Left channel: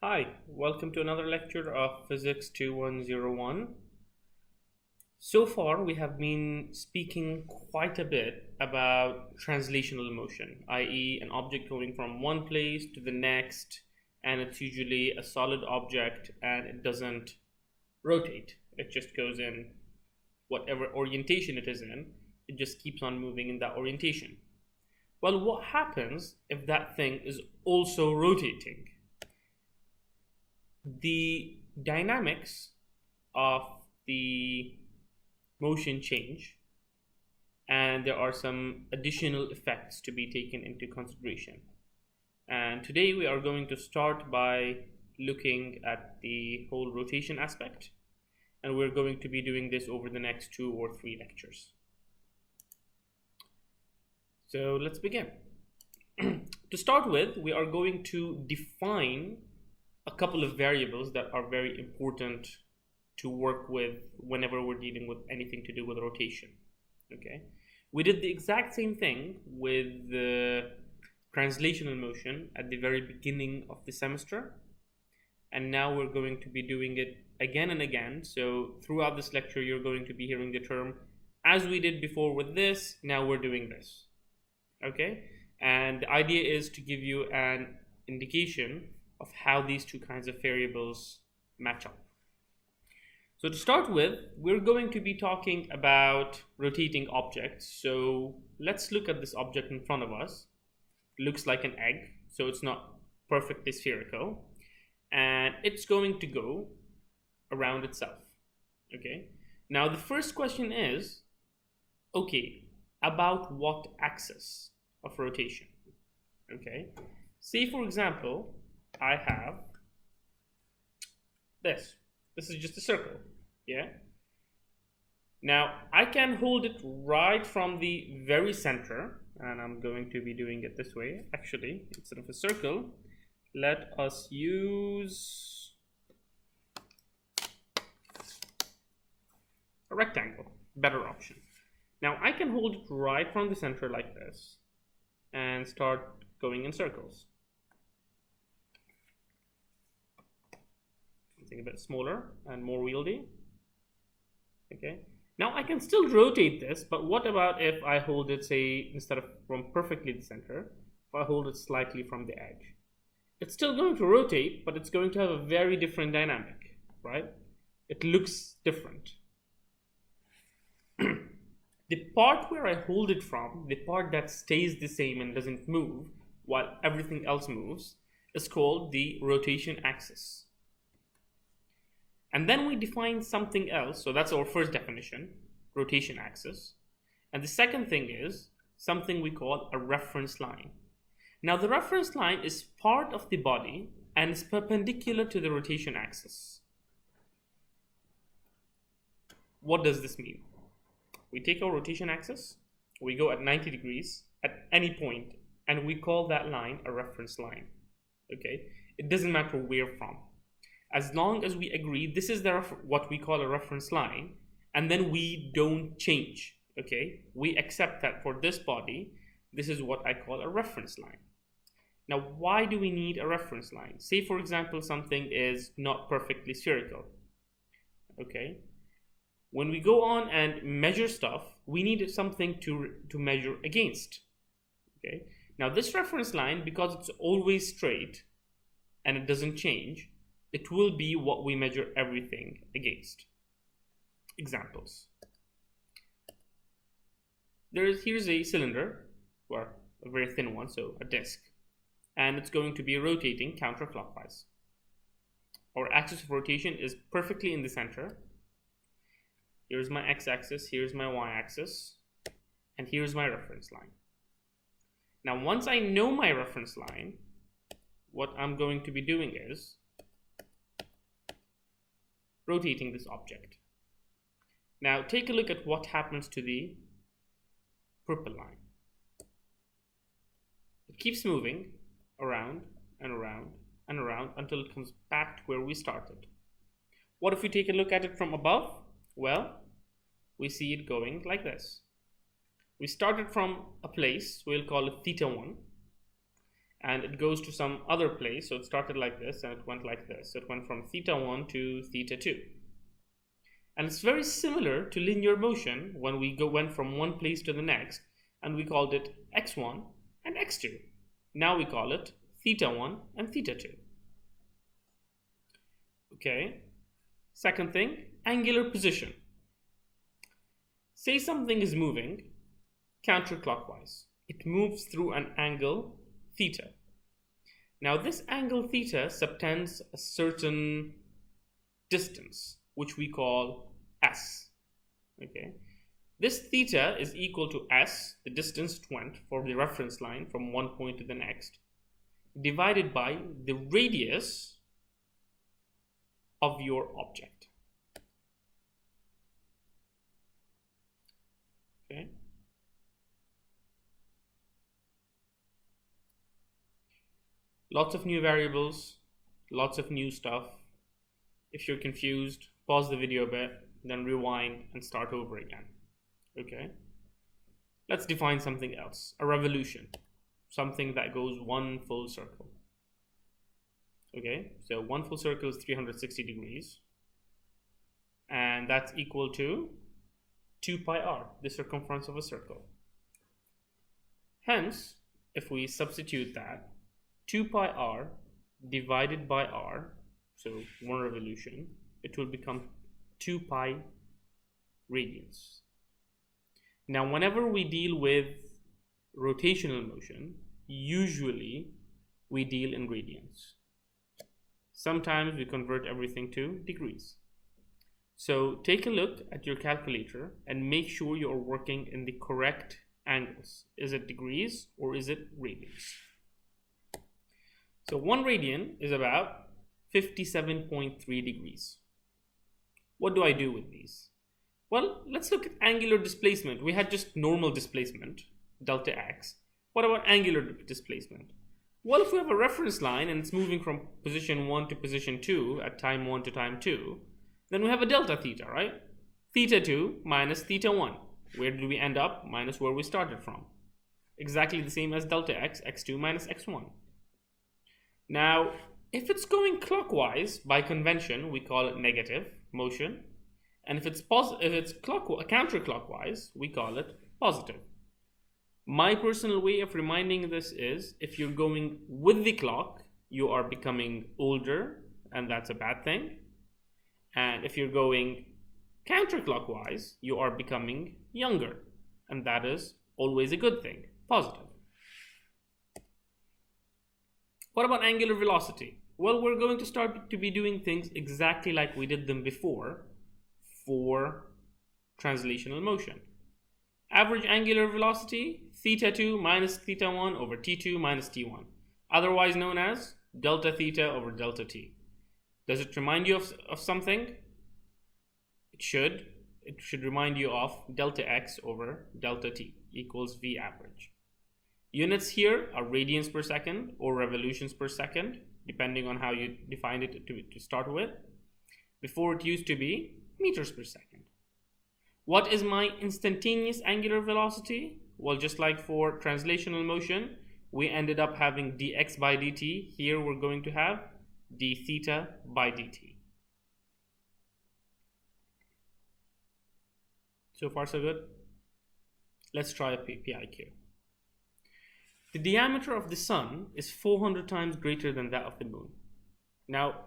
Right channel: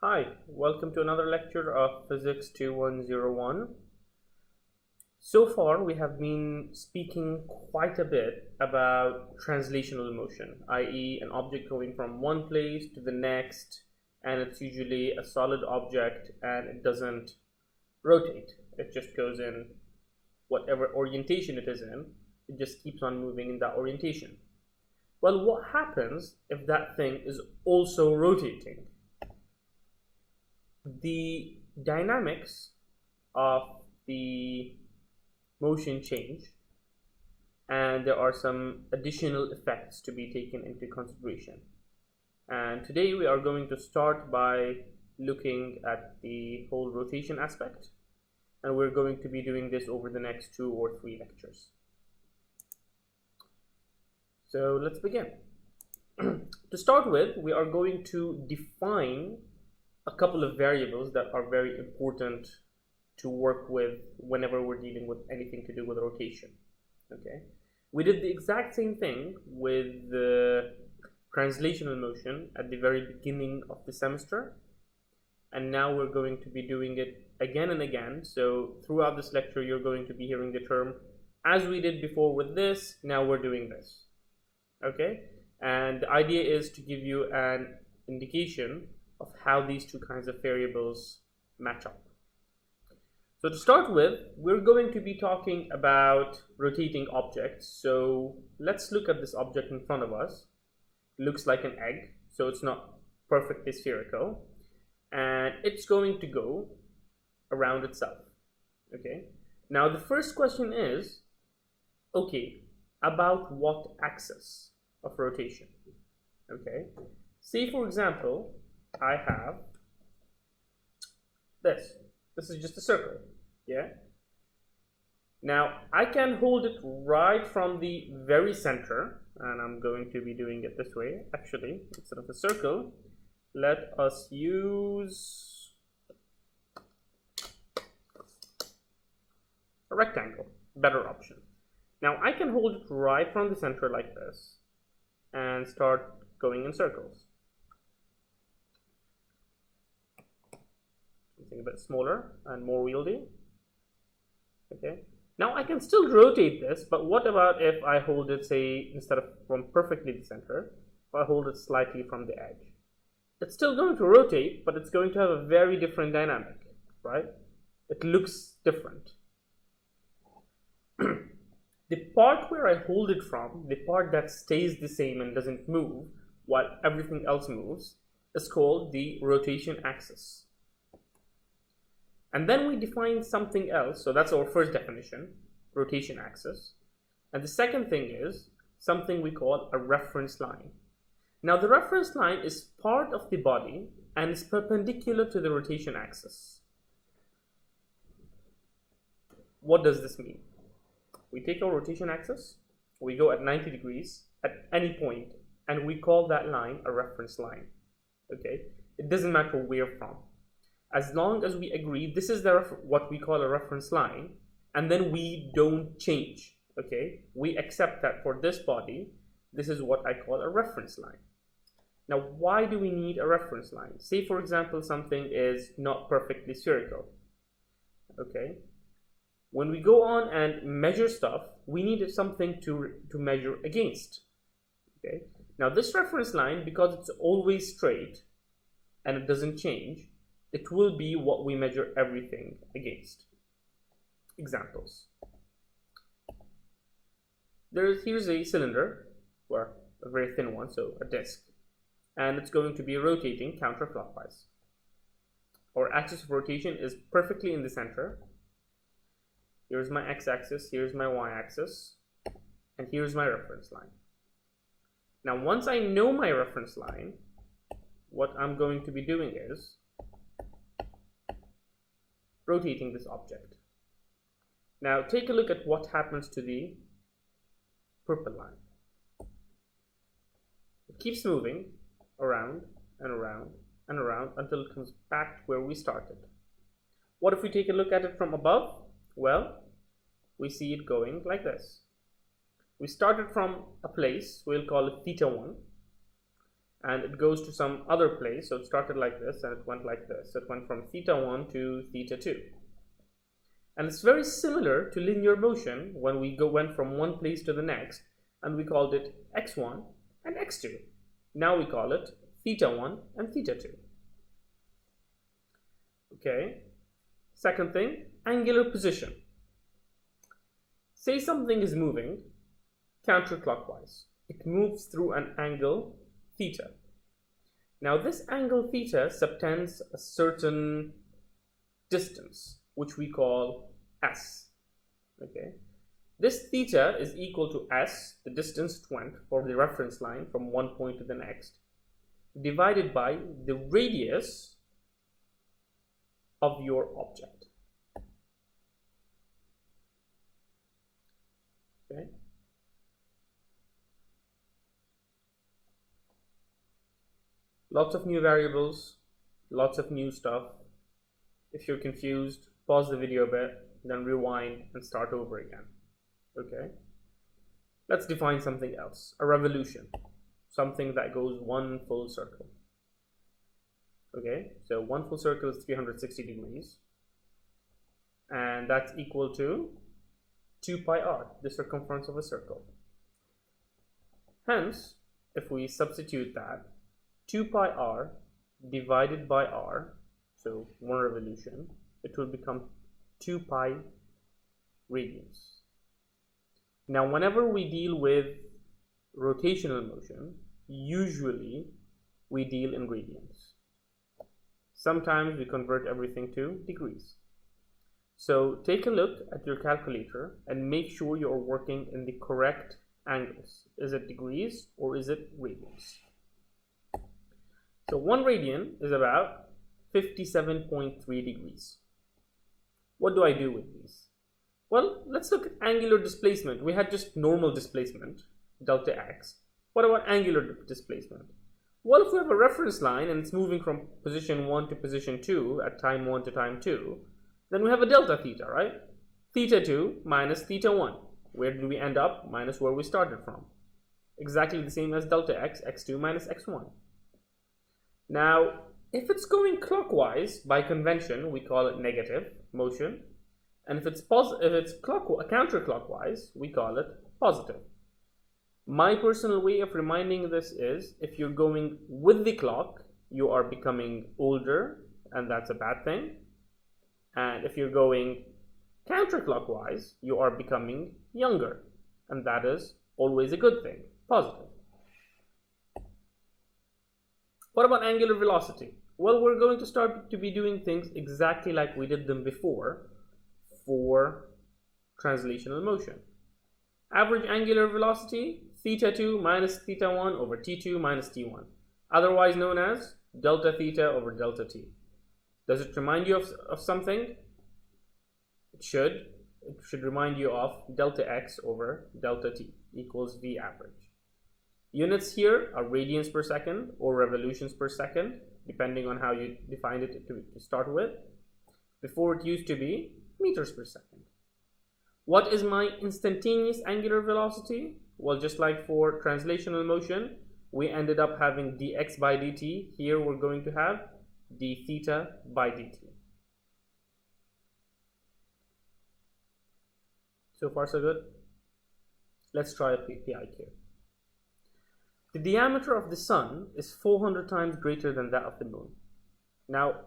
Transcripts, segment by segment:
Hi, welcome to another lecture of Physics 2101. So far, we have been speaking quite a bit about translational motion, i.e. an object going from one place to the next, and it's usually a solid object and it doesn't rotate. It just goes in whatever orientation it is in, it just keeps on moving in that orientation. Well, what happens if that thing is also rotating? The dynamics of the motion change, and there are some additional effects to be taken into consideration. And today we are going to start by looking at the whole rotation aspect, and we're going to be doing this over the next 2 or 3 lectures. So let's begin. To start with, we are going to define a couple of variables that are very important to work with whenever we're dealing with anything to do with rotation. Okay, we did the exact same thing with the translational motion at the very beginning of the semester, and now we're going to be doing it again and again. So throughout this lecture you're going to be hearing the term as we did before with this, now we're doing this. Okay, and the idea is to give you an indication of how these two kinds of variables match up. So to start with, we're going to be talking about rotating objects. So let's look at this object in front of us. It looks like an egg, so it's not perfectly spherical, and it's going to go around itself. Okay, now the first question is, okay, about what axis of rotation? Okay, say for example I have this is just a circle. Yeah, now I can hold it right from the very center, and I'm going to be doing it this way. Actually, instead of a circle, let us use a rectangle, better option. Now I can hold it right from the center like this and start going in circles. Something a bit smaller and more wieldy. Okay, now I can still rotate this, but what about if I hold it, say, instead of from perfectly the center, if I hold it slightly from the edge? It's still going to rotate, but it's going to have a very different dynamic, right? It looks different. The part where I hold it from, the part that stays the same and doesn't move while everything else moves, is called the rotation axis. And then we define something else. So that's our first definition, rotation axis. And the second thing is something we call a reference line. Now the reference line is part of the body and is perpendicular to the rotation axis. What does this mean? We take our rotation axis, we go at 90 degrees at any point, and we call that line a reference line. Okay, it doesn't matter where from, as long as we agree this is what we call a reference line, and then we don't change. Okay, we accept that for this body, this is what I call a reference line. Now, why do we need a reference line? Say for example something is not perfectly spherical. Okay, when we go on and measure stuff, we need something to measure against. Okay, now this reference line, because it's always straight and it doesn't change, it will be what we measure everything against. Examples. Here's a cylinder, or a very thin one, so a disc, and it's going to be rotating counterclockwise. Our axis of rotation is perfectly in the center. Here's my x-axis, here's my y-axis, and here's my reference line. Now once I know my reference line, what I'm going to be doing is rotating this object. Now take a look at what happens to the purple line. It keeps moving around and around and around until it comes back to where we started. What if we take a look at it from above? Well, we see it going like this. We started from a place, we'll call it theta 1, and it goes to some other place. So it started like this and it went like this. So it went from θ1 to θ2. And it's very similar to linear motion when we went from one place to the next, and we called it x1 and x2. Now we call it θ1 and θ2. Okay. Second thing, angular position. Say something is moving counterclockwise. It moves through an angle theta. Now this angle theta subtends a certain distance, which we call s. Okay. This theta is equal to s, the distance it went for the reference line from one point to the next, divided by the radius of your object. Okay. Lots of new variables, lots of new stuff. If you're confused, pause the video a bit, then rewind and start over again. Okay. Let's define something else. A revolution. Something that goes one full circle. Okay, so one full circle is 360 degrees. And that's equal to 2 pi r, the circumference of a circle. Hence, if we substitute that, 2 pi r divided by r, so one revolution, it will become 2 pi radians. Now, whenever we deal with rotational motion, usually we deal in radians. Sometimes we convert everything to degrees. So take a look at your calculator and make sure you're working in the correct angles. Is it degrees or is it radians? So 1 radian is about 57.3 degrees. What do I do with these? Well, let's look at angular displacement. We had just normal displacement, delta x. What about angular displacement? Well, if we have a reference line and it's moving from position 1 to position 2 at time 1 to time 2, then we have a delta theta, right? θ2 minus θ1. Where did we end up? Minus where we started from. Exactly the same as delta x, x2 minus x1. Now, if it's going clockwise, by convention, we call it negative motion. And if it's counterclockwise, we call it positive. My personal way of reminding this is, if you're going with the clock, you are becoming older, and that's a bad thing. And if you're going counterclockwise, you are becoming younger, and that is always a good thing, positive. What about angular velocity? Well, we're going to start to be doing things exactly like we did them before for translational motion. Average angular velocity, θ2 minus θ1 over t2 minus t1, otherwise known as delta theta over delta t. Does it remind you of something? It should. It should remind you of delta x over delta t equals v average. Units here are radians per second or revolutions per second, depending on how you defined it to start with. Before, it used to be meters per second. What is my instantaneous angular velocity? Well, just like for translational motion, we ended up having dx by dt. Here we're going to have d theta by dt. So far so good. Let's try a PIQ. The diameter of the sun is 400 times greater than that of the moon. Now,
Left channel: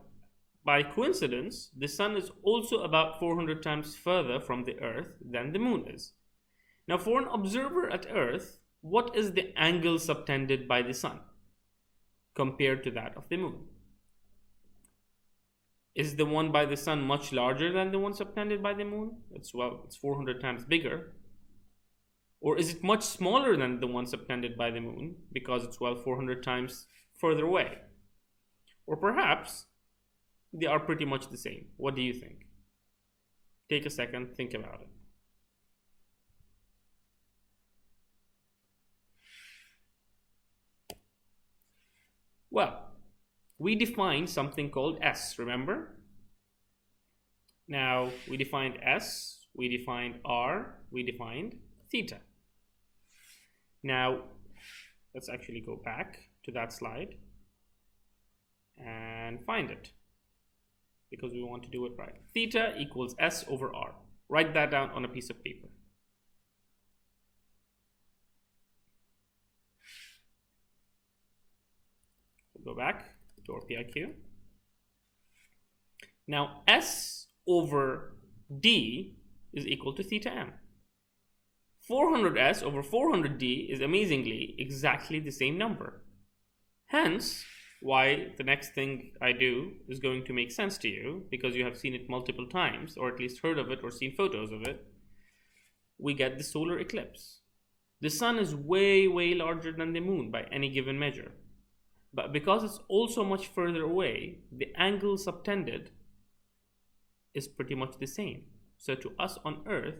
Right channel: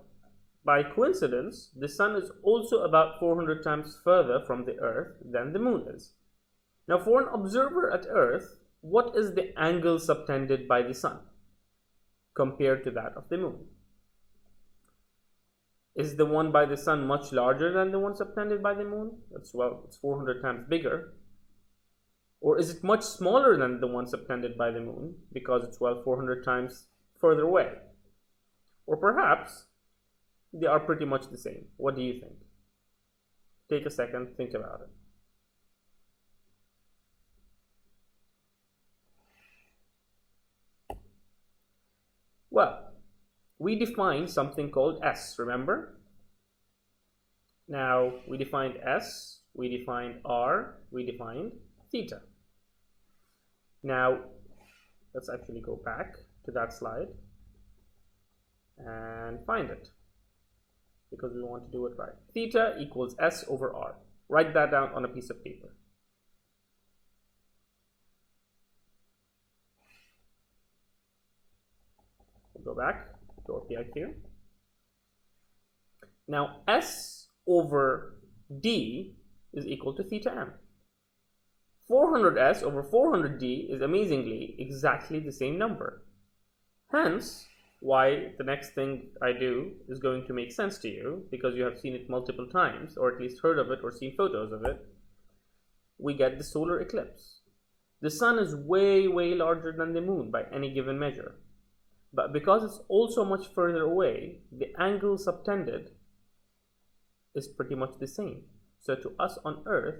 by coincidence, the sun is also about 400 times further from the earth than the moon is. Now, for an observer at earth, what is the angle subtended by the sun compared to that of the moon? Is the one by the sun much larger than the one subtended by the moon? It's 400 times bigger. Or is it much smaller than the one subtended by the moon because it's 400 times further away? Or perhaps they are pretty much the same. What do you think? Take a second, think about it. Well, we defined something called S, remember? Now, we defined S, we defined R, we defined theta. Now, let's actually go back to that slide and find it, because we want to do it right. Theta equals S over R. Write that down on a piece of paper. We'll go back to our PIQ. Now S over D is equal to theta M. 400S over 400D is amazingly exactly the same number. Hence, why the next thing I do is going to make sense to you, because you have seen it multiple times, or at least heard of it or seen photos of it. We get the solar eclipse. The sun is way, way larger than the moon by any given measure. But because it's also much further away, the angle subtended is pretty much the same. So to us on Earth,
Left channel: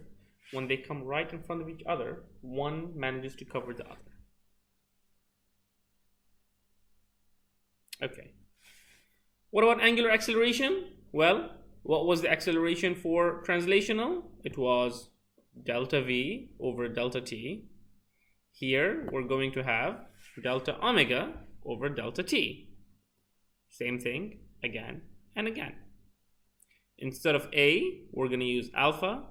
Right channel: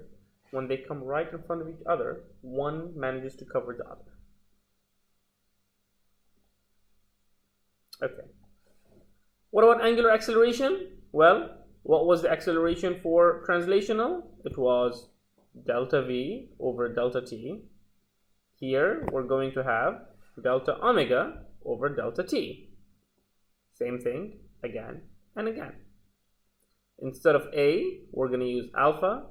when they come right in front of each other, one manages to cover the other. Okay. What about angular acceleration? Well, what was the acceleration for translational? It was delta V over delta T. Here, we're going to have delta omega over delta T. Same thing again and again. Instead of A, we're going to use alpha.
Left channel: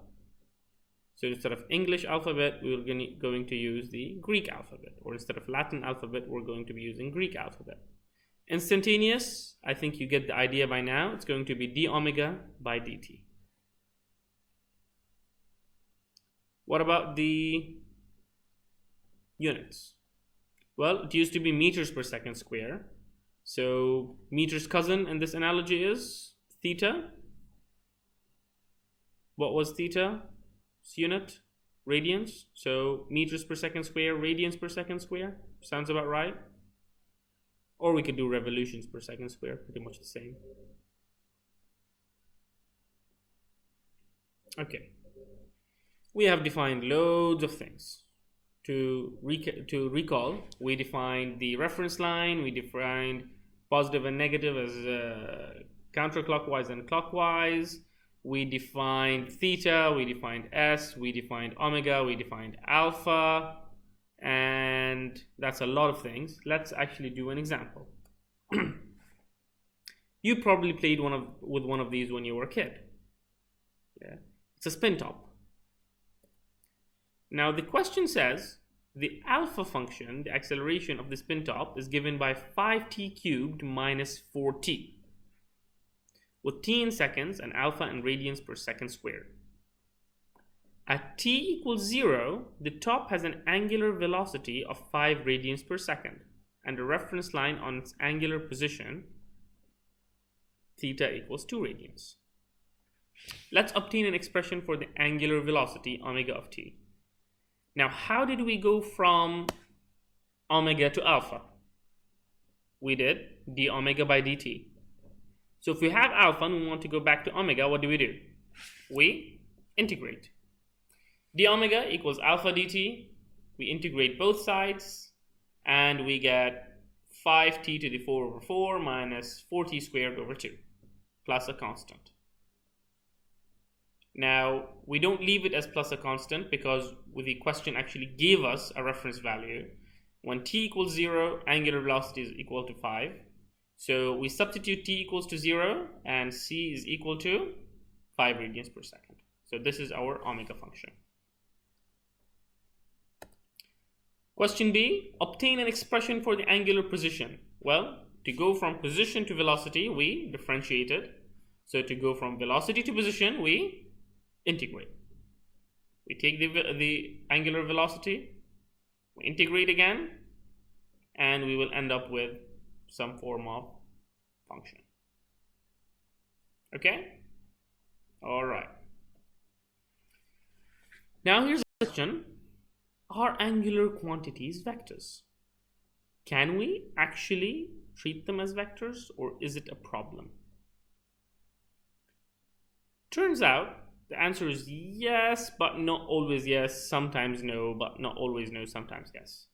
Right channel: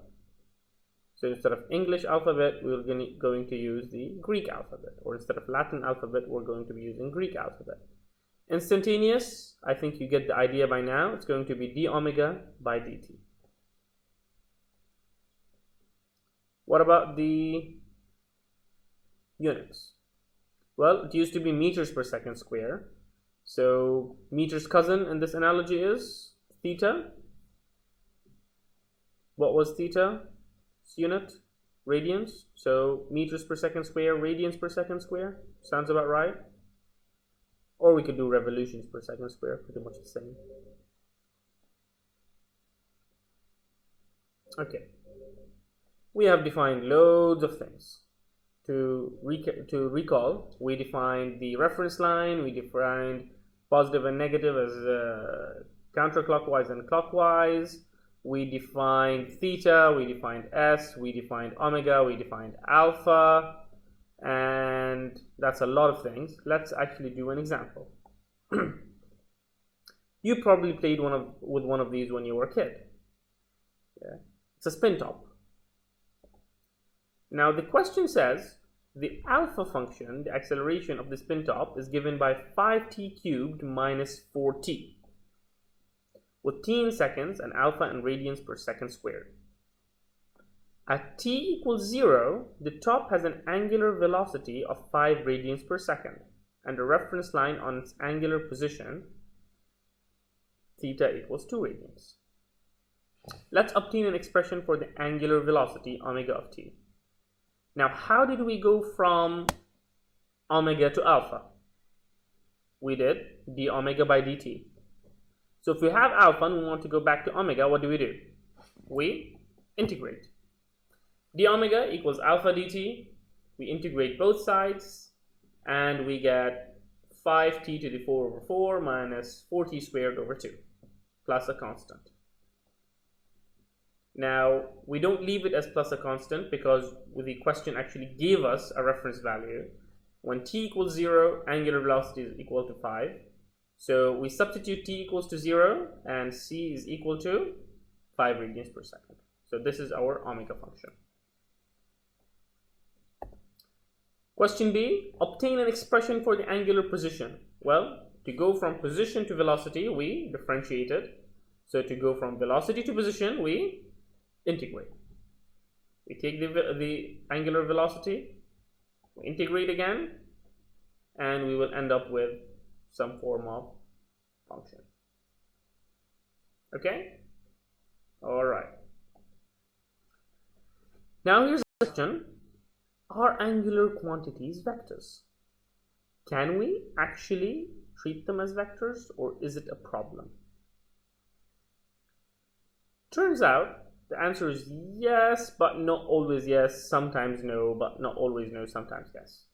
So instead of English alphabet, we're going to use the Greek alphabet. Or instead of Latin alphabet, we're going to be using Greek alphabet. Instantaneous, I think you get the idea by now. It's going to be d omega by dt. What about the units? Well, it used to be meters per second square. So meters cousin in this analogy is theta. What was theta? Unit, radians. So meters per second square, radians per second square. Sounds about right. Or we could do revolutions per second square, pretty much the same. Okay. We have defined loads of things. To recall, we defined the reference line, we defined positive and negative as counterclockwise and clockwise. We defined theta, we defined S, we defined omega, we defined alpha, and that's a lot of things. Let's actually do an example. You probably played with one of these when you were a kid. Yeah. It's a spin top. Now the question says the alpha function, the acceleration of the spin top, is given by 5t cubed minus 4t, with t in seconds and alpha in radians per second squared. At t equals 0, the top has an angular velocity of 5 radians per second, and a reference line on its angular position, theta equals 2 radians. Let's obtain an expression for the angular velocity, omega of t. Now, how did we go from omega to alpha? We did d omega by dt. So if we have alpha and we want to go back to omega, what do? We integrate. D omega equals alpha dt. We integrate both sides and we get 5t to the 4 over 4 minus 4t squared over 2 plus a constant. Now, we don't leave it as plus a constant because the question actually gave us a reference value. When t equals 0, angular velocity is equal to 5. So we substitute t equals to 0 and c is equal to 5 radians per second. So this is our omega function. Question B, obtain an expression for the angular position. Well, to go from position to velocity, we differentiate it. So to go from velocity to position, we integrate. We take the angular velocity, we integrate again, and we will end up with some form of function. Okay? All right. Now here's a question. Are angular quantities vectors? Can we actually treat them as vectors, or is it a problem? Turns out the answer is yes, but not always yes, sometimes no, but not always no, sometimes yes.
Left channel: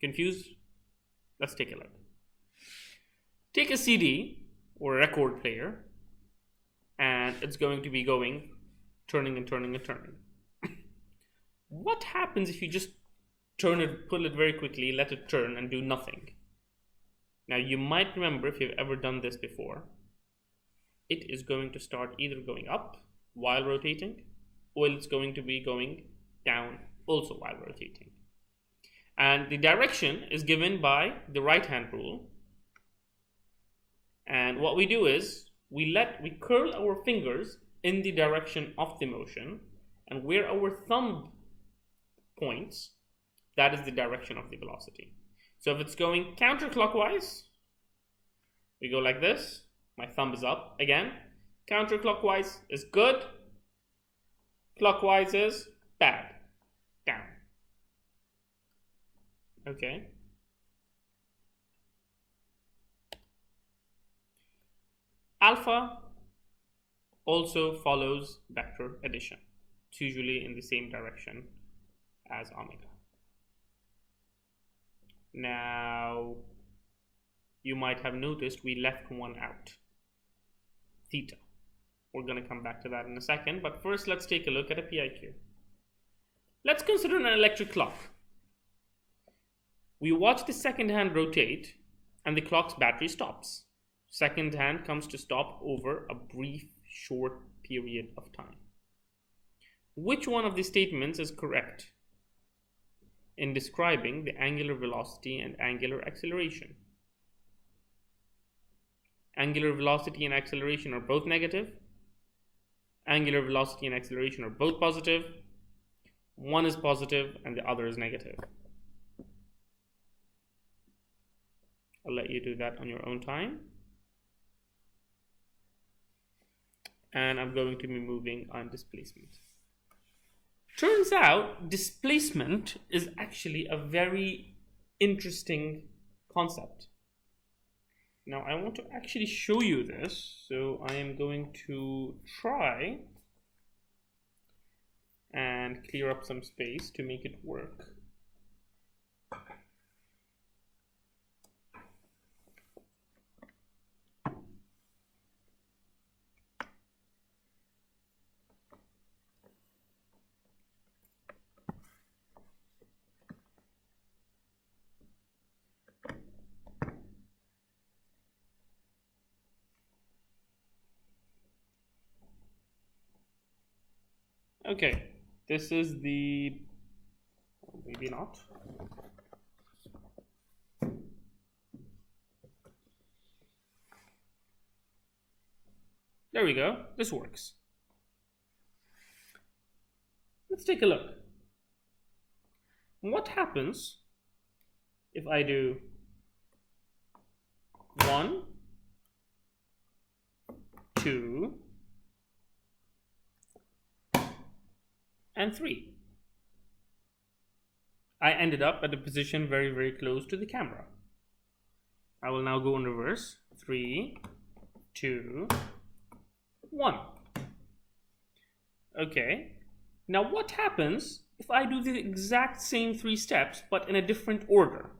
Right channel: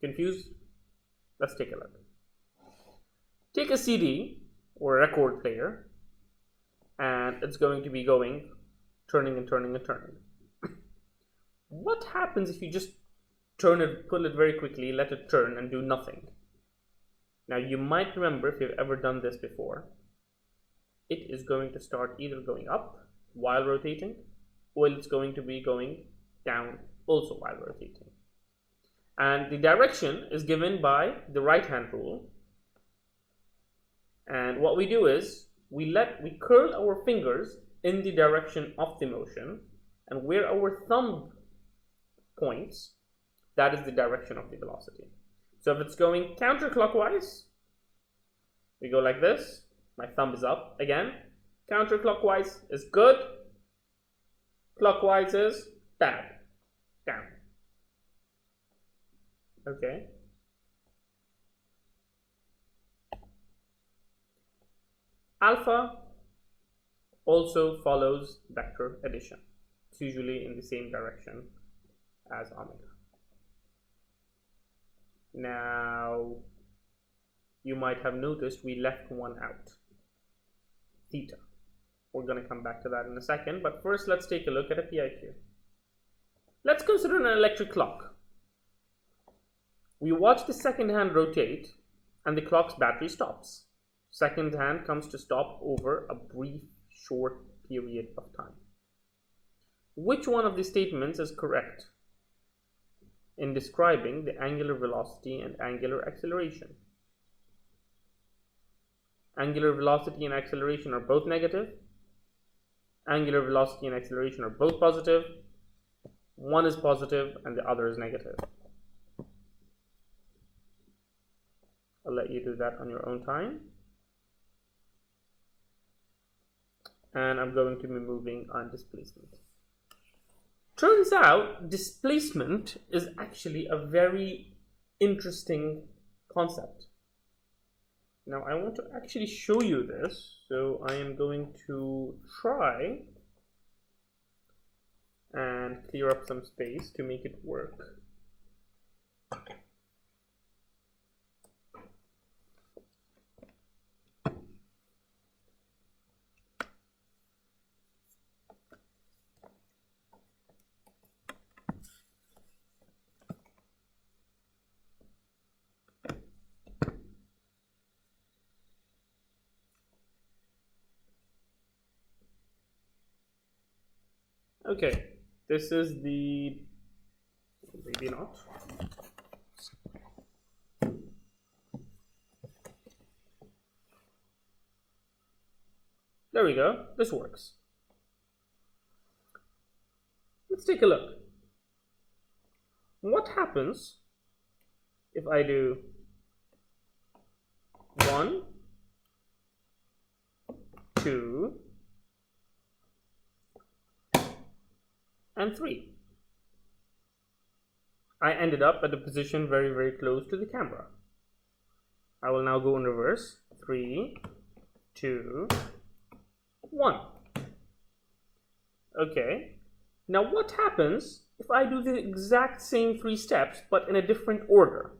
Confused? Let's take a look. Take a CD or a record player, and it's going to be going, turning and turning and turning. What happens if you just turn it, pull it very quickly, let it turn and do nothing? Now you might remember, if you've ever done this before, it is going to start either going up while rotating, or it's going to be going down also while rotating. And the direction is given by the right hand rule. And what we do is we curl our fingers in the direction of the motion, and where our thumb points, that is the direction of the velocity. So if it's going counterclockwise, we go like this. My thumb is up again. Counterclockwise is good. Clockwise is bad. Down. Okay. Alpha also follows vector addition. It's usually in the same direction as omega. Now, you might have noticed we left one out, theta. We're going to come back to that in a second, but first let's take a look at a PIQ. Let's consider an electric clock. We watch the second hand rotate and the clock's battery stops. Second hand comes to stop over a brief, short period of time. Which one of these statements is correct in describing the angular velocity and angular acceleration? Angular velocity and acceleration are both negative. Angular velocity and acceleration are both positive. One is positive and the other is negative. I'll let you do that on your own time. And I'm going to be moving on displacement. Turns out displacement is actually a very interesting concept. Now I want to actually show you this, so I am going to try and clear up some space to make it work. Okay, this is the, maybe not. There we go, this works. Let's take a look. What happens if I do 1, 2, and 3? I ended up at a position very, very close to the camera. I will now go in reverse. 3, 2, 1. Okay. Now what happens if I do the exact same 3 steps but in a different order?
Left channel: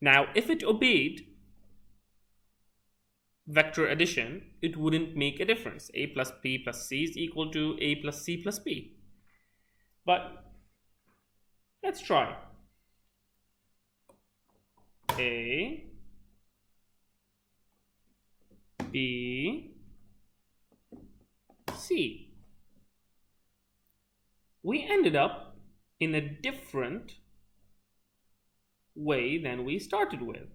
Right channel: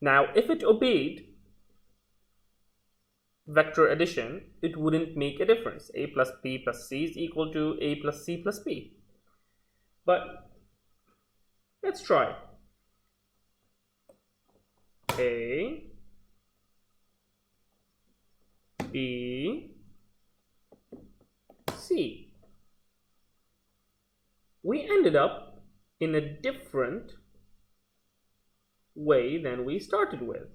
Now if it obeyed vector addition, it wouldn't make a difference. A plus B plus C is equal to A plus C plus B. But let's try. A, B, C. We ended up in a different way than we started with.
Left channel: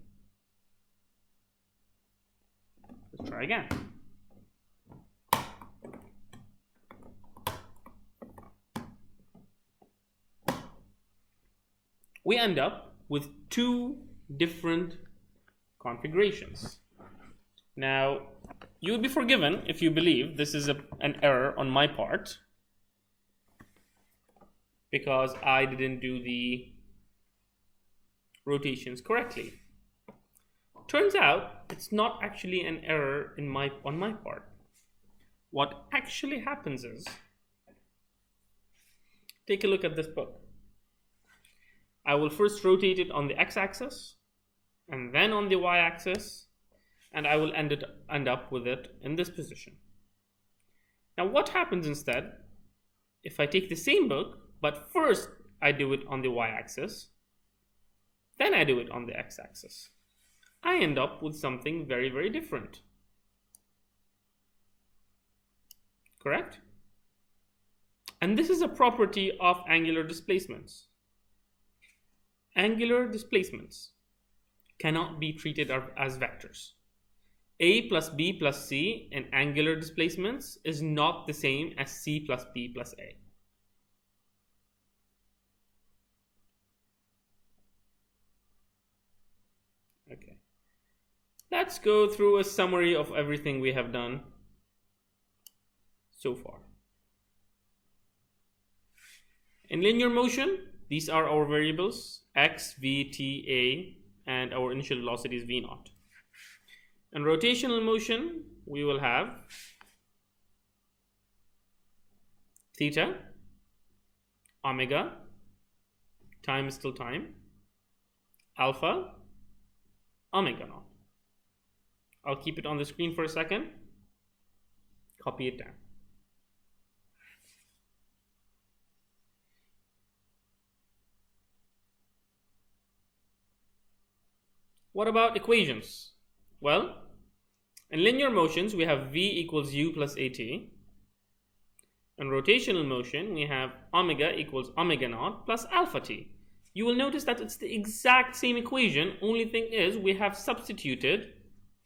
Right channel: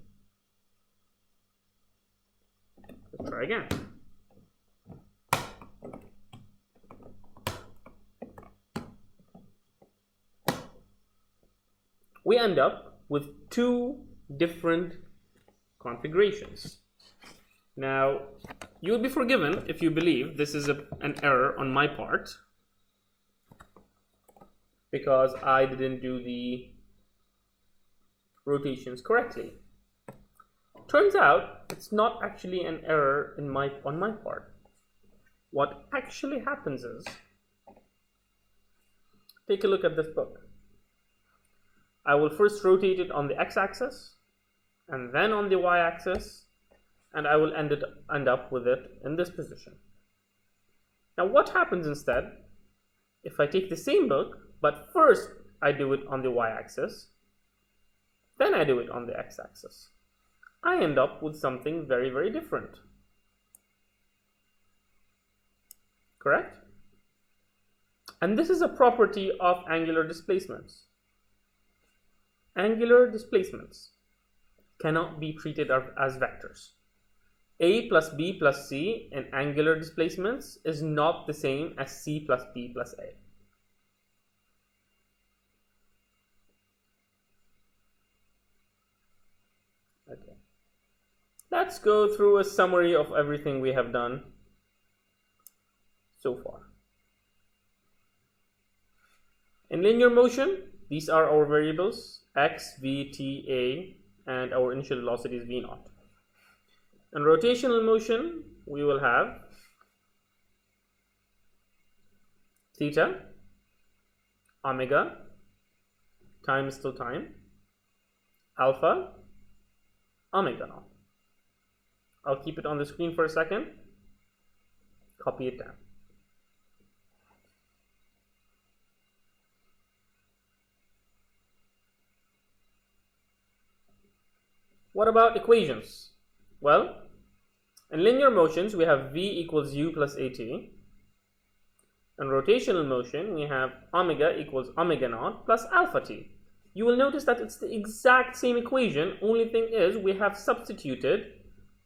Let's try again. We end up with 2 different configurations. Now, you'll be forgiven if you believe this is an error on my part, because I didn't do the rotations correctly. Turns out it's not actually an error on my part. What actually happens is, take a look at this book. I will first rotate it on the x-axis and then on the y-axis, and I will end up with it in this position. Now what happens instead if I take the same book, but first I do it on the y-axis, then I do it on the x-axis? I end up with something very, very different. Correct? And this is a property of angular displacements. Angular displacements cannot be treated as vectors. A plus B plus C in angular displacements is not the same as C plus B plus A. Okay. Let's go through a summary of everything we have done so far. In linear motion, these are our variables x, v, t, a, and our initial velocity is v naught. In rotational motion, we will have theta, omega, time is still time, alpha, omega naught. I'll keep it on the screen for a second, copy it down. What about equations? Well, in linear motions, we have v equals u plus at. In rotational motion, we have omega equals omega naught plus alpha t. You will notice that it's the exact same equation. Only thing is we have substituted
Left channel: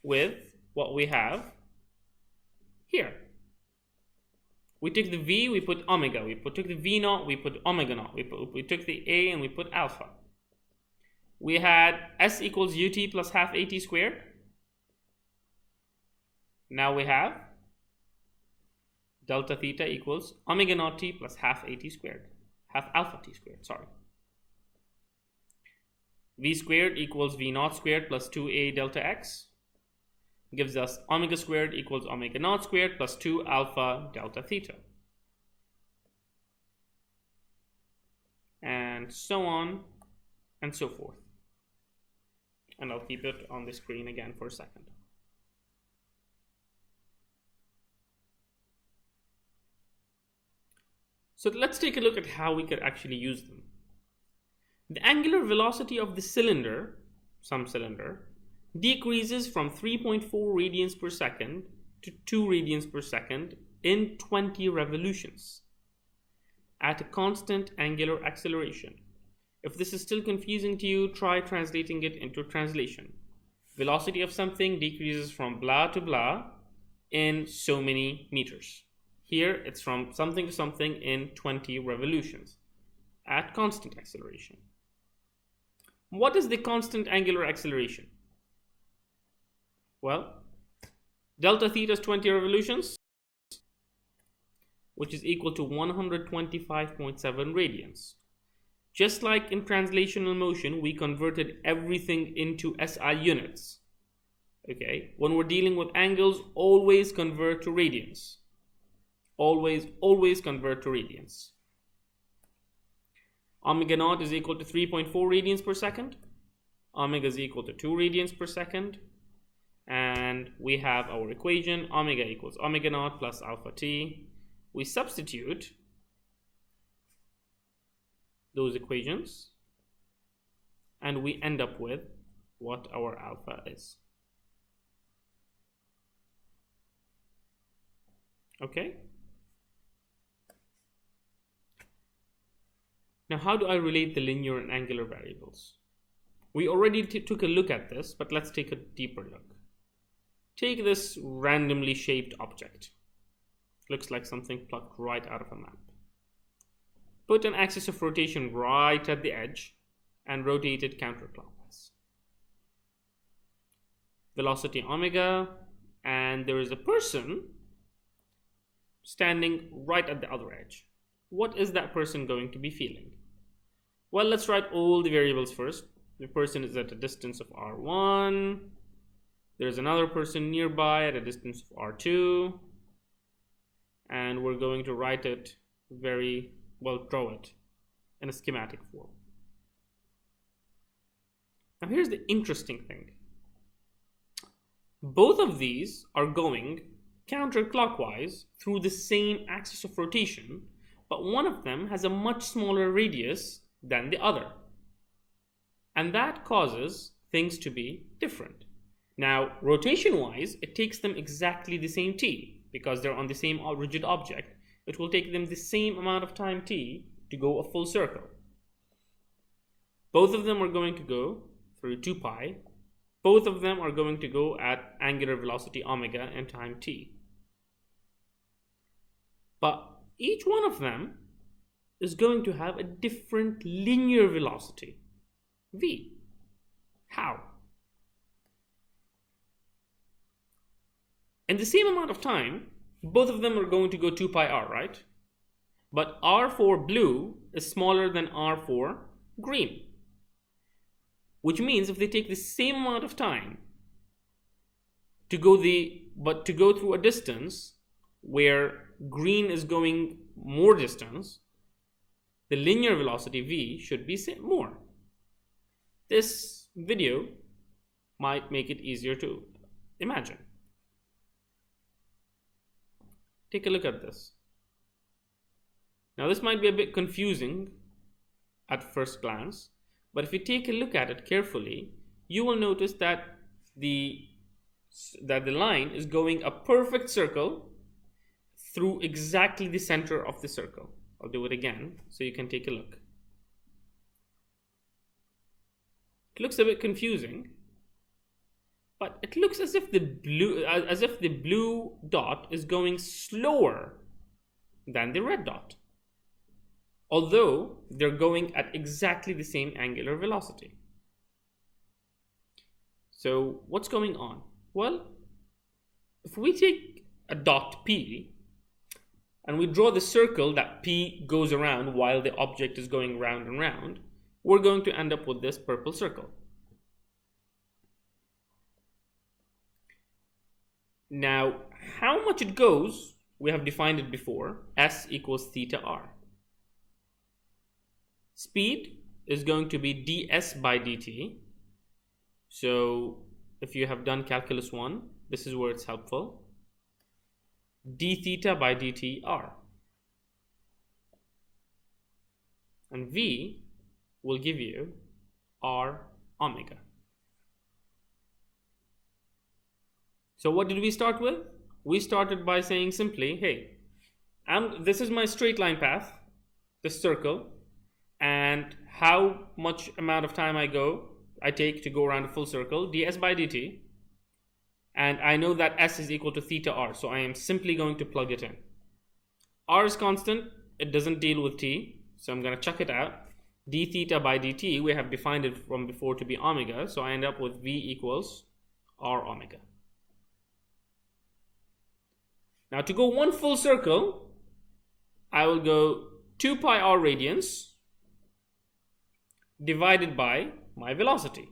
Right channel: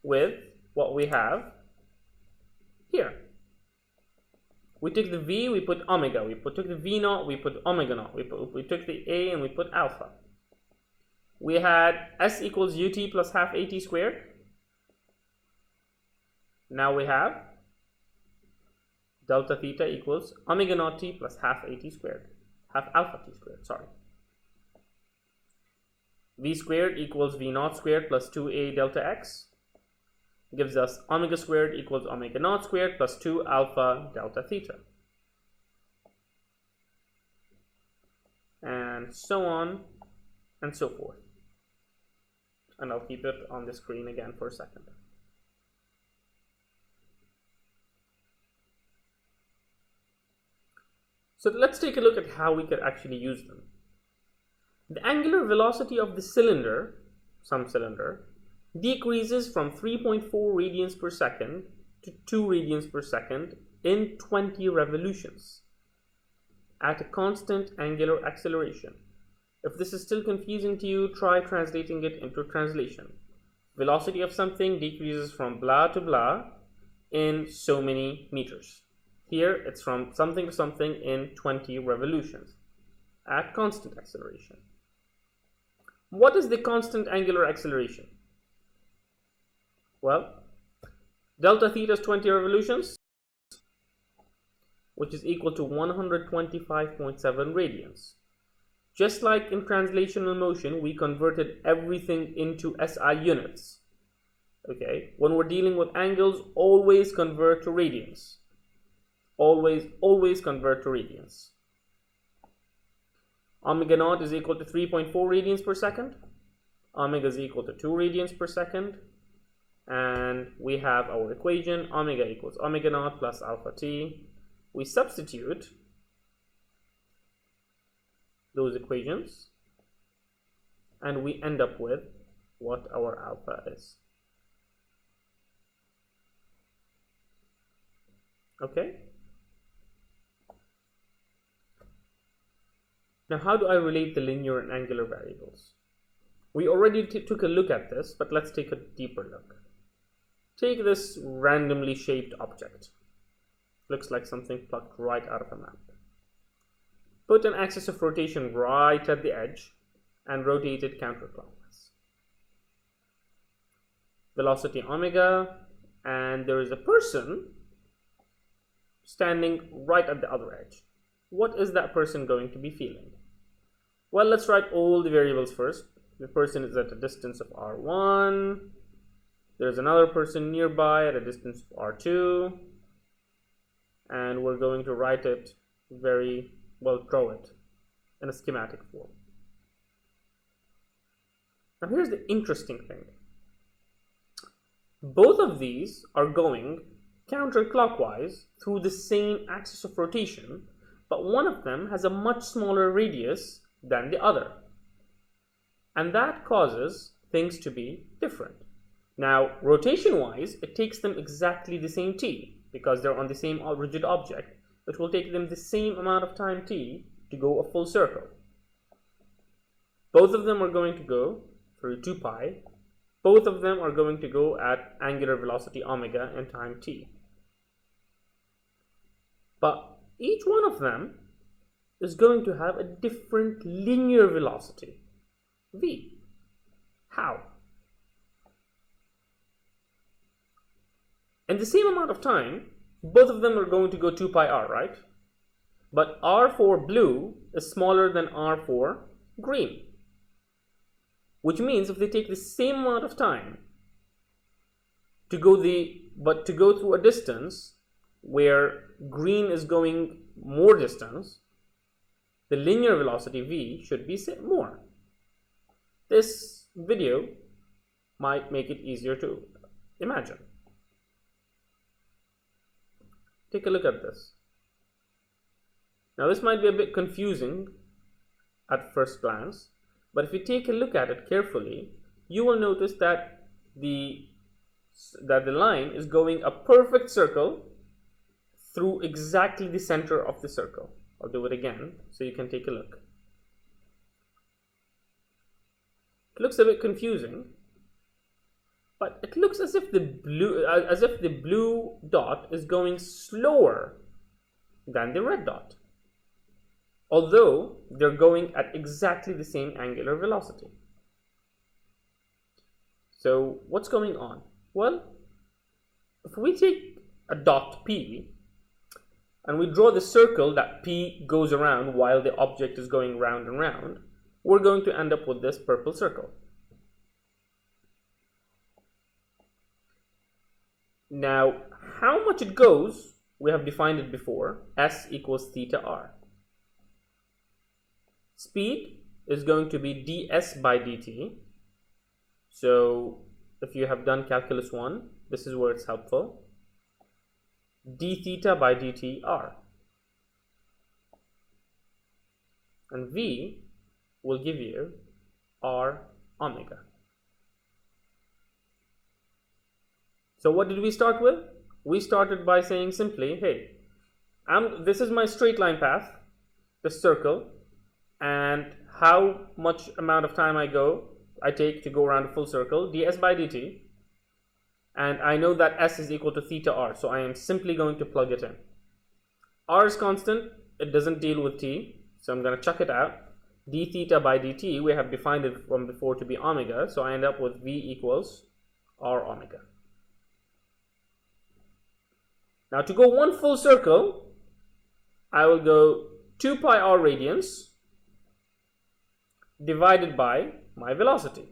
with what we have here. We took the v, we put omega. We took the v naught, we put omega naught. We took the a and we put alpha. We had s equals ut plus half at squared. Now we have delta theta equals omega naught t plus half at squared, half alpha t squared, sorry. V squared equals v naught squared plus 2a delta x gives us omega squared equals omega naught squared plus 2 alpha delta theta. And so on and so forth. And I'll keep it on the screen again for a second. So let's take a look at how we could actually use them. The angular velocity of the cylinder, some cylinder, decreases from 3.4 radians per second to 2 radians per second in 20 revolutions at a constant angular acceleration. If this is still confusing to you, try translating it into translation. Velocity of something decreases from blah to blah in so many meters. Here, it's from something to something in 20 revolutions at constant acceleration. What is the constant angular acceleration? Well, delta theta is 20 revolutions, which is equal to 125.7 radians. Just like in translational motion, we converted everything into SI units. Okay, when we're dealing with angles, always convert to radians. Always convert to radians. Omega naught is equal to 3.4 radians per second. Omega is equal to 2 radians per second. And we have our equation, omega equals omega naught plus alpha t. We substitute those equations and we end up with what our alpha is. Okay. Now, how do I relate the linear and angular variables? We already took a look at this, but let's take a deeper look. Take this randomly shaped object. Looks like something plucked right out of a map. Put an axis of rotation right at the edge and rotate it counterclockwise. Velocity omega, and there is a person standing right at the other edge. What is that person going to be feeling? Well, let's write all the variables first. The person is at a distance of r1. There's another person nearby at a distance of r2. And we're going to write it draw it in a schematic form. Now here's the interesting thing. Both of these are going counterclockwise through the same axis of rotation, but one of them has a much smaller radius than the other. And that causes things to be different. Now, rotation-wise, it takes them exactly the same t, because they're on the same rigid object. It will take them the same amount of time t to go a full circle. Both of them are going to go through 2 pi. Both of them are going to go at angular velocity omega and time t. But each one of them is going to have a different linear velocity, v. How? In the same amount of time, both of them are going to go 2 pi r, right? But r for blue is smaller than r for green. Which means if they take the same amount of time to go through a distance where green is going more distance, the linear velocity v should be more. This video might make it easier to imagine. Take a look at this. Now this might be a bit confusing at first glance, but if you take a look at it carefully, you will notice that the line is going a perfect circle through exactly the center of the circle. I'll do it again so you can take a look. It looks a bit confusing, but it looks as if the blue dot is going slower than the red dot, although they're going at exactly the same angular velocity. So what's going on? Well, if we take a dot P and we draw the circle that P goes around while the object is going round and round, we're going to end up with this purple circle. Now, how much it goes, we have defined it before, s equals theta r. Speed is going to be ds by dt. So if you have done calculus 1, this is where it's helpful. d theta by dt r. And v will give you r omega. So what did we start with? We started by saying simply, hey, this is my straight line path, this circle, and how much amount of time I take to go around a full circle, ds by dt, and I know that s is equal to theta r, so I am simply going to plug it in. R is constant, it doesn't deal with t, so I'm going to chuck it out. d theta by dt, we have defined it from before to be omega, so I end up with v equals r omega. Now to go one full circle, I will go 2 pi r radians divided by my velocity.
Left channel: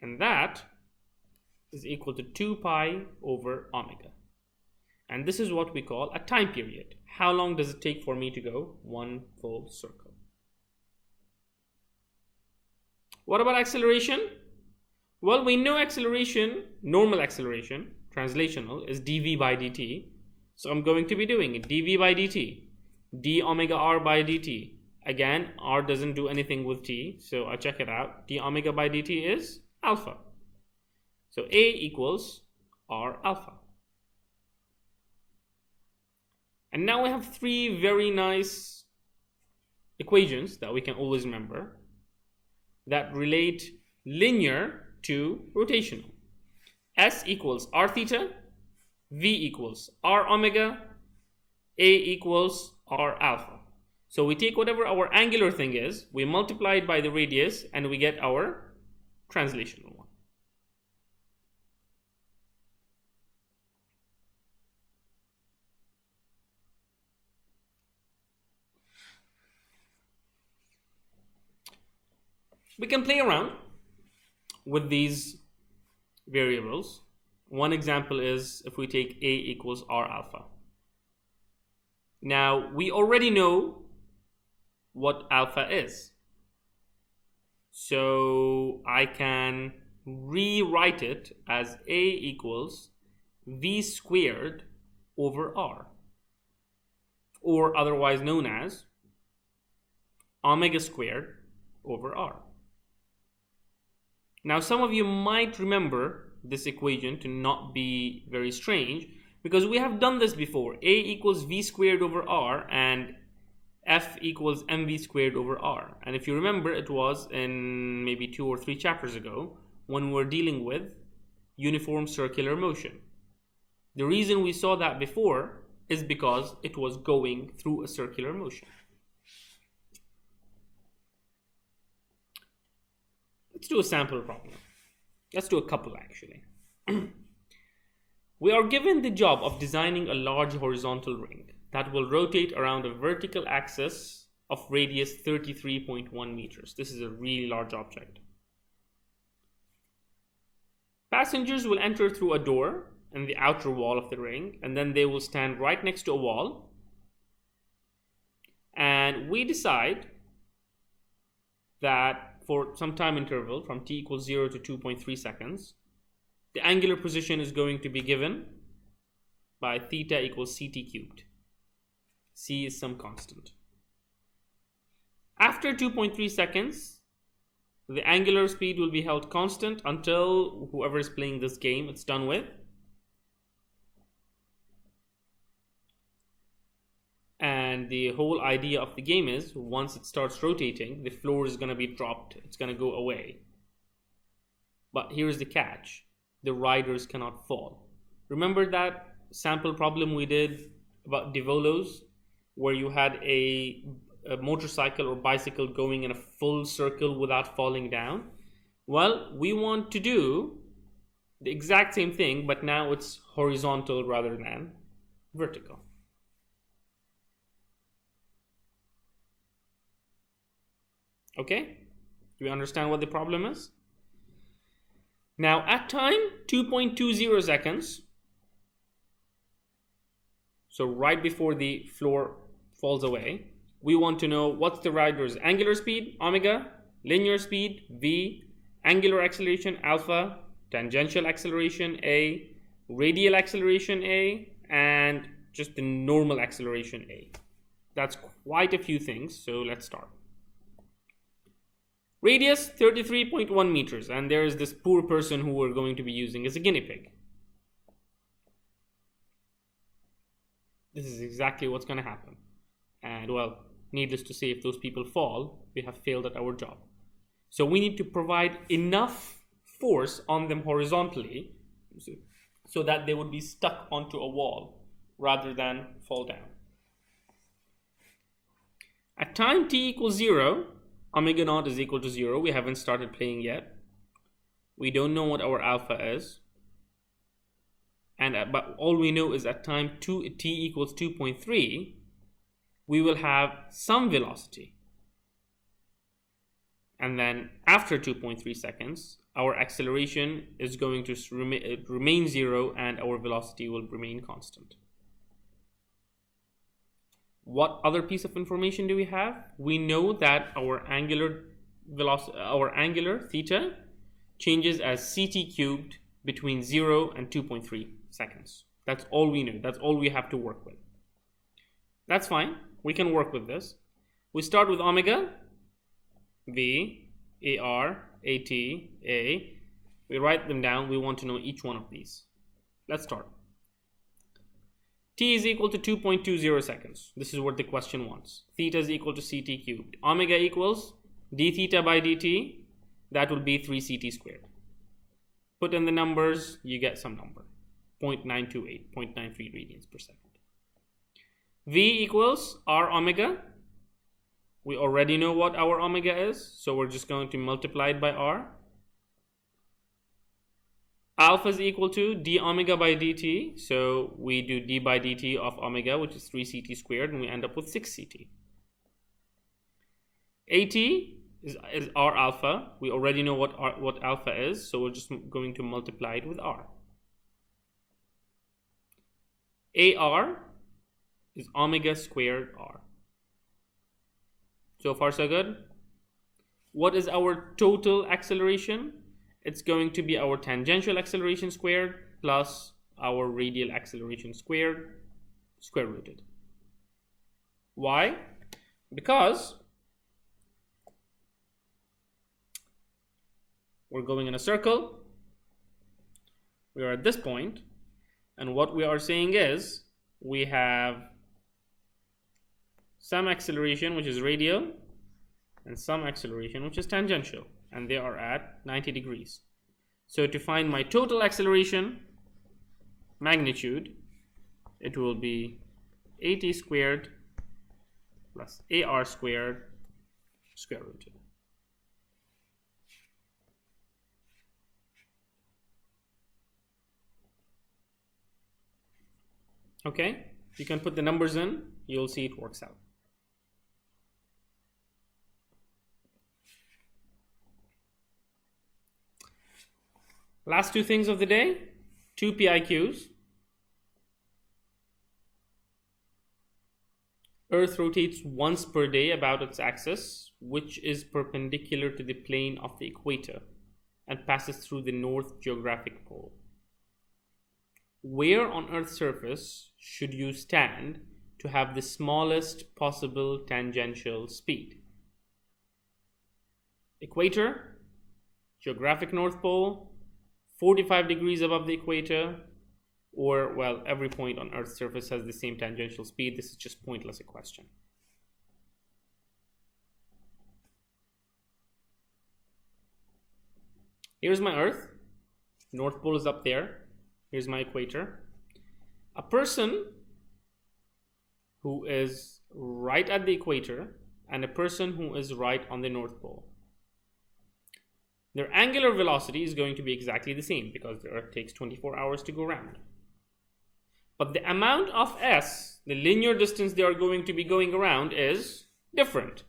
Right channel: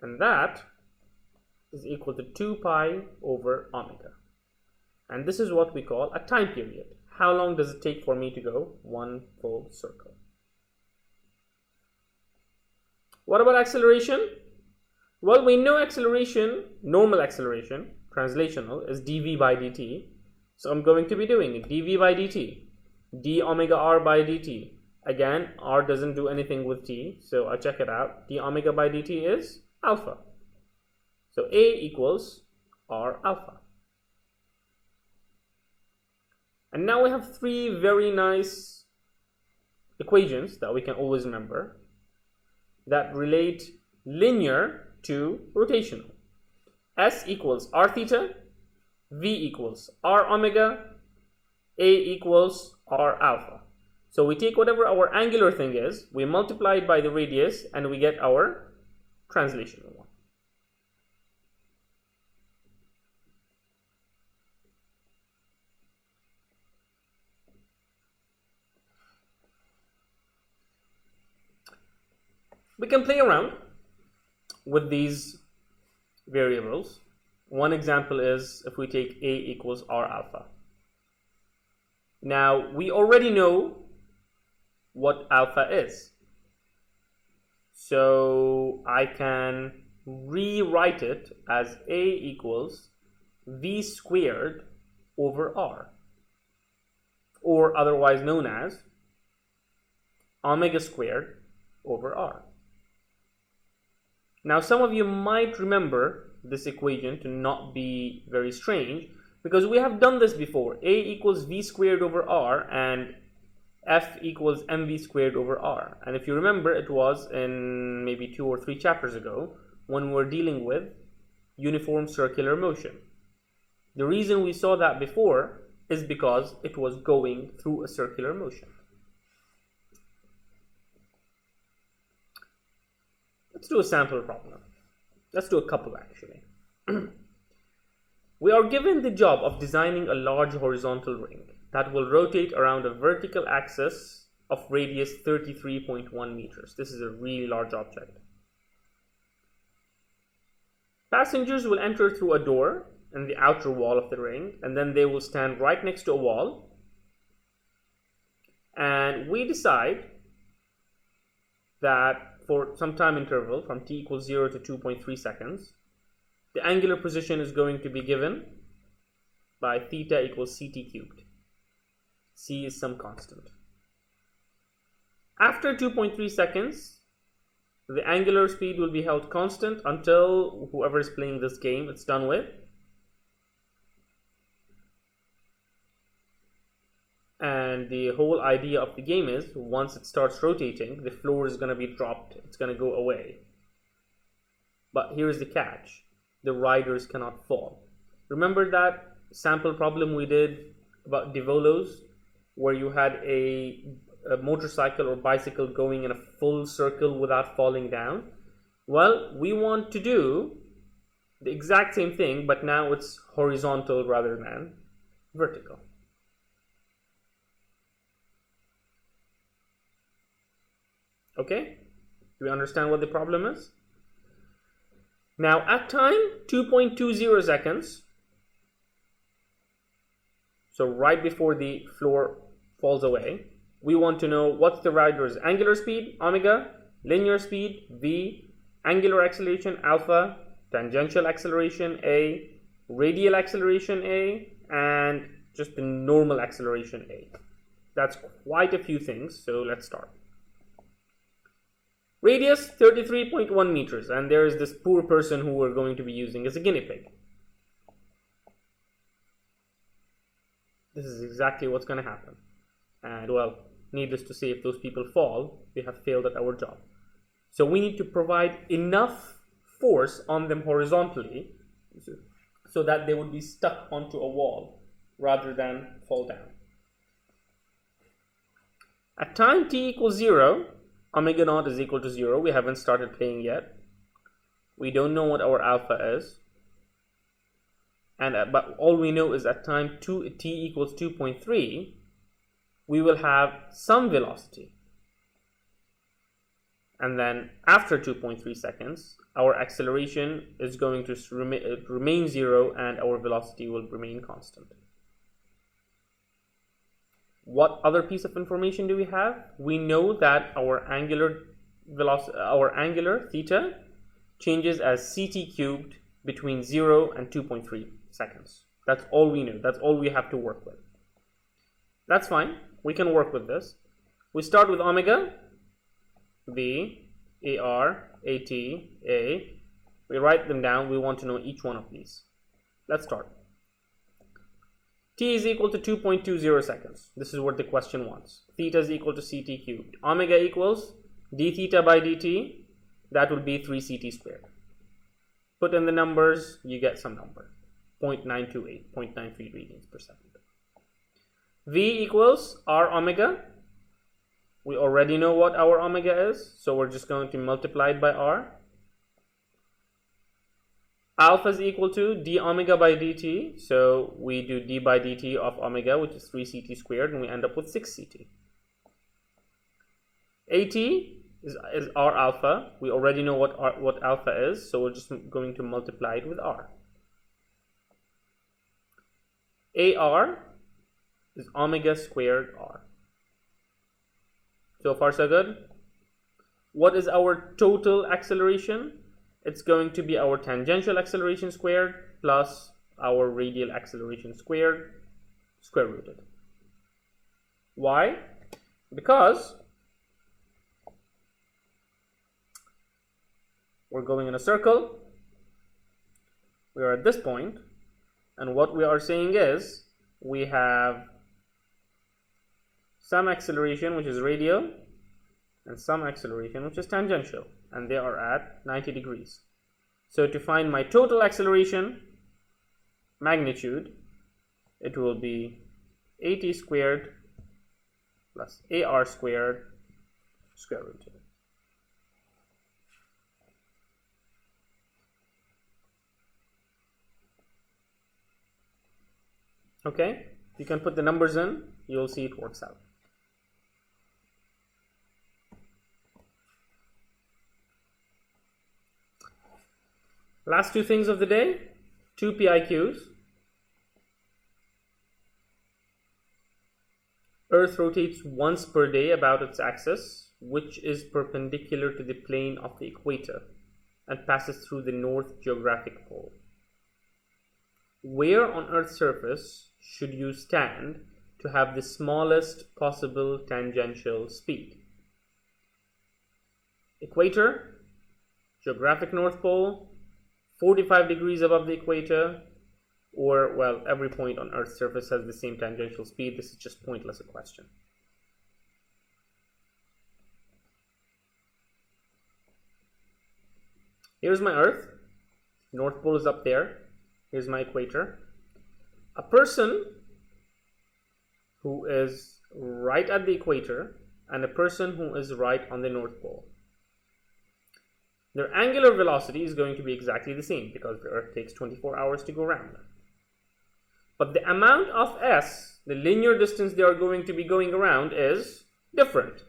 And that is equal to 2 pi over omega. And this is what we call a time period. How long does it take for me to go one full circle? What about acceleration? Well, we know acceleration, normal acceleration, translational, is dv by dt. So I'm going to be doing it dv by dt, d omega r by dt. Again, r doesn't do anything with t, so I check it out. d omega by dt is alpha. So a equals r alpha. And now we have 3 very nice equations that we can always remember that relate linear to rotational. S equals r theta, v equals r omega, a equals r alpha. So we take whatever our angular thing is, we multiply it by the radius, and we get our translational one. We can play around with these variables. One example is if we take a equals r alpha. Now we already know what alpha is, so I can rewrite it as a equals v squared over r, or otherwise known as omega squared over r. Now, some of you might remember this equation to not be very strange because we have done this before. A equals v squared over r and f equals mv squared over r. And if you remember, it was in maybe 2 or 3 chapters ago when we were dealing with uniform circular motion. The reason we saw that before is because it was going through a circular motion. Let's do a sample problem. Let's do a couple actually. We are given the job of designing a large horizontal ring that will rotate around a vertical axis of radius 33.1 meters. This is a really large object. Passengers will enter through a door in the outer wall of the ring, and then they will stand right next to a wall. And we decide that for some time interval from t equals 0 to 2.3 seconds, the angular position is going to be given by theta equals ct cubed. C is some constant. After 2.3 seconds, the angular speed will be held constant until whoever is playing this game it's done with. And the whole idea of the game is once it starts rotating, the floor is going to be dropped. It's going to go away. But here's the catch. The riders cannot fall. Remember that sample problem we did about Divolos, where you had a motorcycle or bicycle going in a full circle without falling down? Well, we want to do the exact same thing, but now it's horizontal rather than vertical. Okay, do we understand what the problem is? Now at time 2.20 seconds, so right before the floor falls away, we want to know what's the rider's angular speed, omega, linear speed, v, angular acceleration, alpha, tangential acceleration, a, radial acceleration, a, and just the normal acceleration, a. That's quite a few things, so let's start. Radius 33.1 meters, and there is this poor person who we're going to be using as a guinea pig. This is exactly what's going to happen. And well, needless to say, if those people fall, we have failed at our job. So we need to provide enough force on them horizontally so that they would be stuck onto a wall rather than fall down. At time t equals 0, omega naught is equal to 0. We haven't started playing yet. We don't know what our alpha is. But all we know is at time t equals 2.3, we will have some velocity. And then after 2.3 seconds, our acceleration is going to remain 0 and our velocity will remain constant. What other piece of information do we have? We know that our angular velocity, our angular theta changes as ct cubed between 0 and 2.3 seconds. That's all we know. That's all we have to work with. That's fine. We can work with this. We start with omega, v, ar, at, a. We write them down. We want to know each one of these. Let's start. T is equal to 2.20 seconds. This is what the question wants. Theta is equal to ct cubed. Omega equals d theta by dt. That will be 3 ct squared. Put in the numbers, you get some number. 0.928, 0.93 radians per second. V equals r omega. We already know what our omega is, so we're just going to multiply it by r. Alpha is equal to d omega by dt, so we do d by dt of omega, which is 3 ct squared, and we end up with 6 ct. At is r alpha. We already know what alpha is, so we're just going to multiply it with r. Ar is omega squared r. So far so good. What is our total acceleration? It's going to be our tangential acceleration squared plus our radial acceleration squared, square rooted. Why? Because we're going in a circle. We are at this point, and what we are saying is we have some acceleration which is radial and some acceleration which is tangential, and they are at 90 degrees. So to find my total acceleration magnitude, it will be AT squared plus AR squared square root 2. Okay, you can put the numbers in, you'll see it works out. Last two things of the day, 2 PIQs. Earth rotates once per day about its axis, which is perpendicular to the plane of the equator and passes through the north geographic pole. Where on Earth's surface should you stand to have the smallest possible tangential speed? Equator, geographic North Pole, 45 degrees above the equator, or, well, every point on Earth's surface has the same tangential speed. This is just pointless a question. Here's my Earth. North Pole is up there. Here's my equator. A person who is right at the equator and a person who is right on the North Pole. Their angular velocity is going to be exactly the same because the Earth takes 24 hours to go around. But the amount of s, the linear distance they are going to be going around, is different.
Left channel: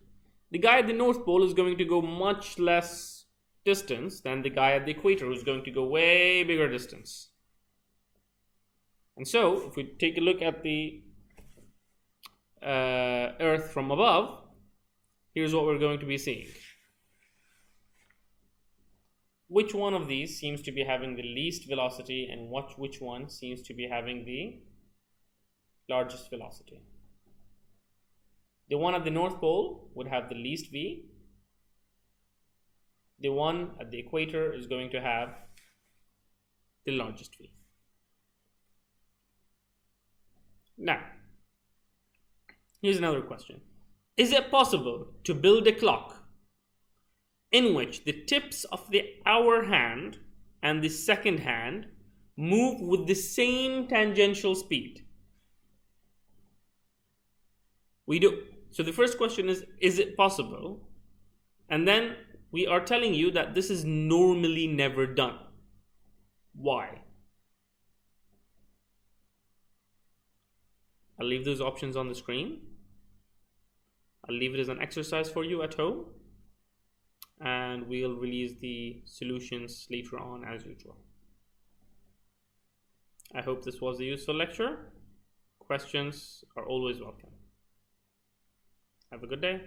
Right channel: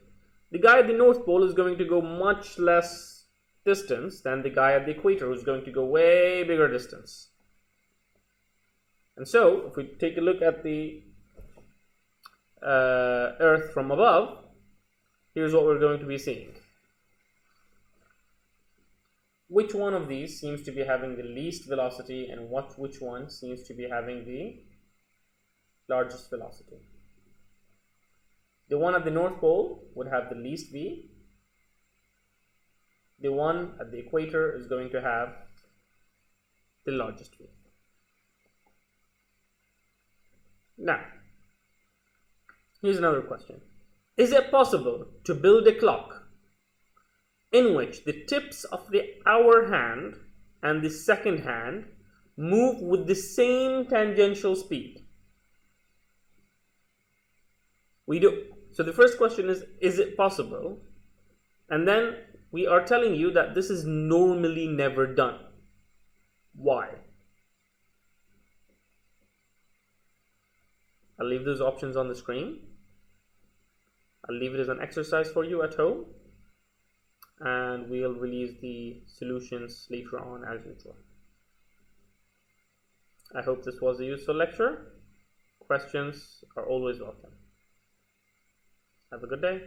The guy at the North Pole is going to go much less distance than the guy at the equator, who's going to go way bigger distance. And so, if we take a look at the Earth from above, here's what we're going to be seeing. Which one of these seems to be having the least velocity, and which one seems to be having the largest velocity? The one at the North Pole would have the least v. The one at the equator is going to have the largest v. Now, here's another question. Is it possible to build a clock in which the tips of the hour hand and the second hand move with the same tangential speed? We do. So the first question is it possible? And then we are telling you that this is normally never done. Why? I'll leave those options on the screen. I'll leave it as an exercise for you at home. And we'll release the solutions later on as usual. I hope this was a useful lecture. Questions are always welcome. Have a good day.